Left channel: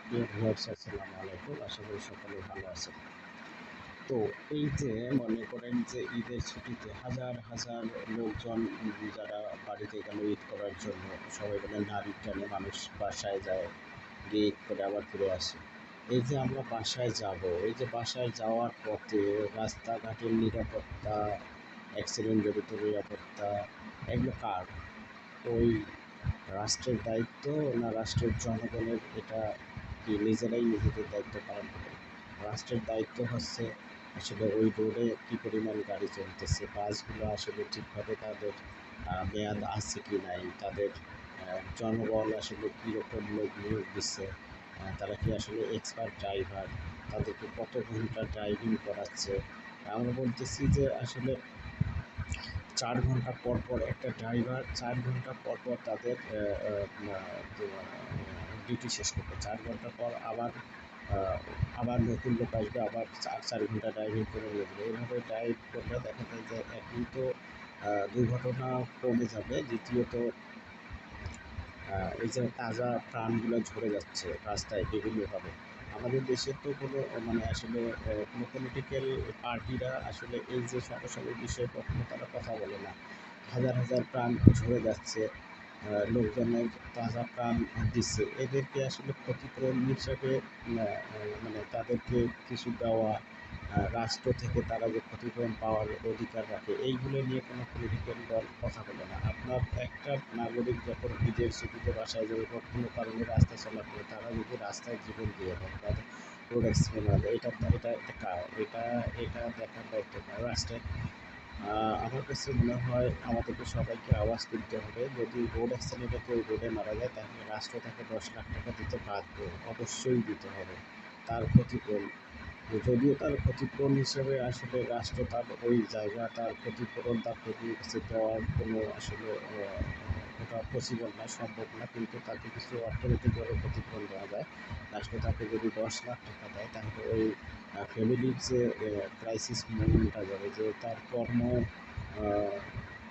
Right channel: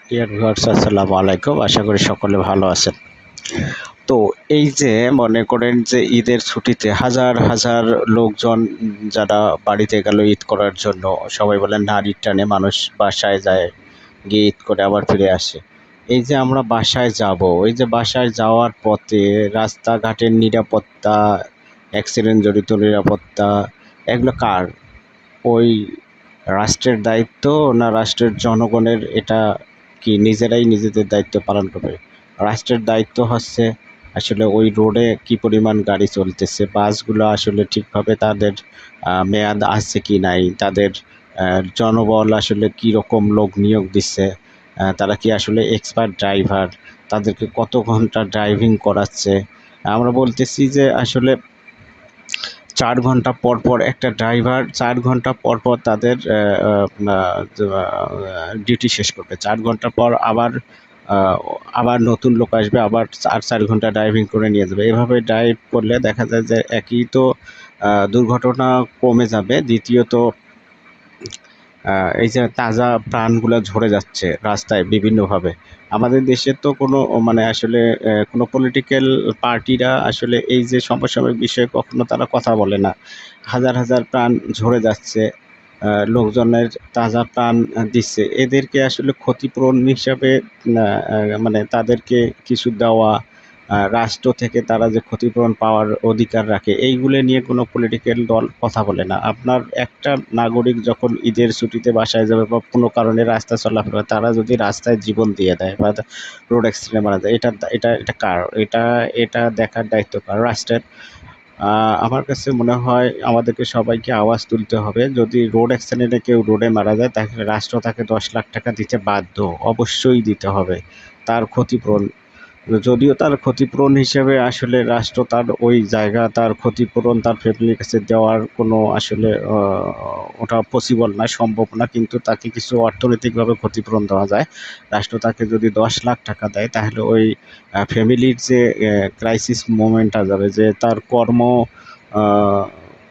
Dear viewers, আসসালামু আলাইকুম। আশা করি সকলে ভালো আছেন। তো এই যে মনে করেন যে ঈদের ছুটিতে হাজার হাজার লোকজন যারা বাড়িতে গেল ঈদ করার জন্য, সবাই বলে নারীর টানে মানুষ বাসায় যায়, গিয়ে ঈদ করে আবার ফিরে আসে। এই যে আমরা বাসায় যাব, এই যে বাসায় যাওয়ার পথে রাস্তাঘাটের নিরাপত্তা, অ্যাক্সিডেন্ট জড়িত নিরাপত্তা, এগুলো কার? ওই রাষ্ট্রের দায়িত্ব না রাষ্ট্রের জনগণের? এটা কি নিজেরাই নিজেদের দায়িত্ব পালন করবে? রাষ্ট্রের দায়িত্ব হচ্ছে আসলে ওই রোডে কি পরিমাণ গাড়ি চলতেছে, বাসগুলো আসলে ঠিকভাবে তাদের মেয়াদ আছে কি নাই, তাদের জনবল আসলে কি রকম লোক নিয়োগ দিচ্ছে, তারা কি আসলে এক্সপার্ট ড্রাইভার, তাদেরকে কত ঘন্টা ড্রাইভিং করাচ্ছে। আমরা বলতেছি যে আসলে ৪ ঘন্টা পর, পর একটা ড্রাইভার ৪ ঘন্টা পর, পর তাদের ডিউটি শেষ করবে। ৪ ঘন্টা পর আ আবার নতুন লোক আসবে, আবার ৪ ঘন্টা ড্রাইভিং করে নিয়ে যাবে। এভাবে ড্রাইভ করলে দেখা যায় যে একই তো দুর্ঘটনা কমে যাবে। দ্বিতীয়ত এই যে তাজা প্রাণগুলা ঝরে যাচ্ছে রাস্তায় বিভিন্নভাবে। আমাদের দেশে তো কোনো মানে আসলে কোনো পলিটিক্যাল পার্টিরা আসলে এই যে সমসাময়িক বিষয়ে কখনো তারা কথা বলে না। হাজার হাজার প্রাণ ঝরে যাচ্ছে, লোকজনের তাজা প্রাণ দিচ্ছে। এদেরকে আসলে ক্ষতিপূরণ হিসাবে আ আ মানে তাদেরকে কিছু দেওয়া, রাষ্ট্র থেকে তারা যে ক্ষতিপূরণ পাওয়ার অধিকার রাখে, এইগুলো নিয়ে কোনো পলিটিক্যাল দল কথা বলে না। আপনার একটা নাগরিক যখন ঈদের ছুটিতে বাসায় যাবে বা কোনো কারণে রাস্তা চলাফেরা, তারা যদি রাস্তায় জীবন দিয়ে দেয় বা রোড অ্যাক্সিডেন্টে মারা যায়, এটা কার? এটা দেখার দায়িত্ব কার? রাষ্ট্রের। আমার কাছে মনে হয় আমাদেরকে সবাইকে আওয়াজ তুলতে হবে। যদি রোড অ্যাক্সিডেন্টে কেউ রোডে মারা যায়, তাহলে রাষ্ট্র তাকে ১০,০০,০০০ টাকা দিতে বাধ্য। অবশ্যই দিতে হবে তার ক্ষতিপূরণ। যদিও তার ক্ষতিপূরণ হিসেবে আসলে রাষ্ট্র তার ওই জায়গা, তার ক্ষতিপূরণ তার ফ্যামিলির কাছে দেওয়ার কোনো আসলে ওটা পসিবল না, সম্ভব না। কিন্তু তাকে কিছু অর্থনৈতিকভাবে ক্ষতিপূরণ দেওয়া যায়। রাষ্ট্র তাকে যদি ১০,০০,০০০ টাকা দেয়, তাহলে ওই ফ্যামিলির যে ক্রাইসিস মোমেন্টটা যাবে, যে তার আ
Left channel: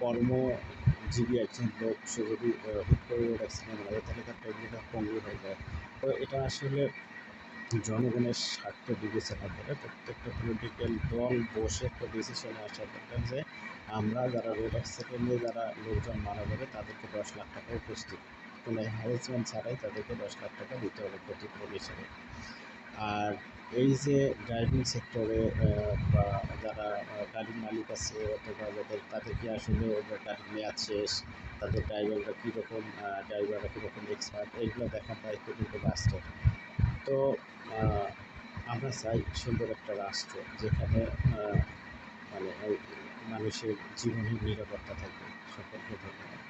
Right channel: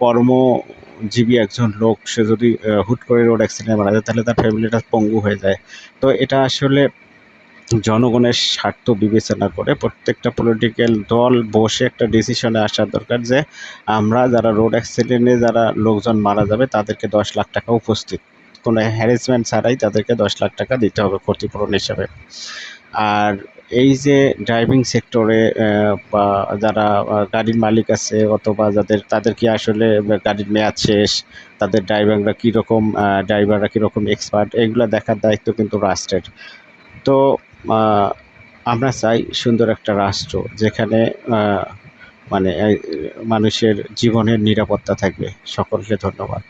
কর্মজীবী একজন লোক, সে যদি হুট করে রোড অ্যাক্সিডেন্টে মারা যায়, তাহলে তার ফ্যামিলিটা পঙ্গু হয়ে যায়। তো এটা আসলে জনগণের স্বার্থ বিবেচনা করে প্রত্যেকটা পলিটিক্যাল দল বসে একটা ডিসিশনে আসা দরকার যে আমরা যারা রোড অ্যাক্সিডেন্টে যারা লোকজন মারা যাবে তাদেরকে ১০,০০,০০০ টাকা উপস্থিত, কোনো হ্যারাসমেন্ট ছাড়াই তাদেরকে ১০,০০,০০০ টাকা দিতে হবে ক্ষতিপূরণ হিসাবে। আর এই যে ড্রাইভিং সেক্টরে বা যারা গাড়ির মালিক আছে অথবা তাদের কি আসলে গাড়ির মেয়াদ শেষ, তাদের ড্রাইভাররা কীরকম এক্সপার্ট, এগুলা দেখার দায়িত্ব কিন্তু রাষ্ট্রের। তো আ আমরা চাই সুন্দর একটা রাষ্ট্র যেখানে আ মানে মানুষের জীবনের নিরাপত্তা থাকবে। সকলকে ধন্যবাদ।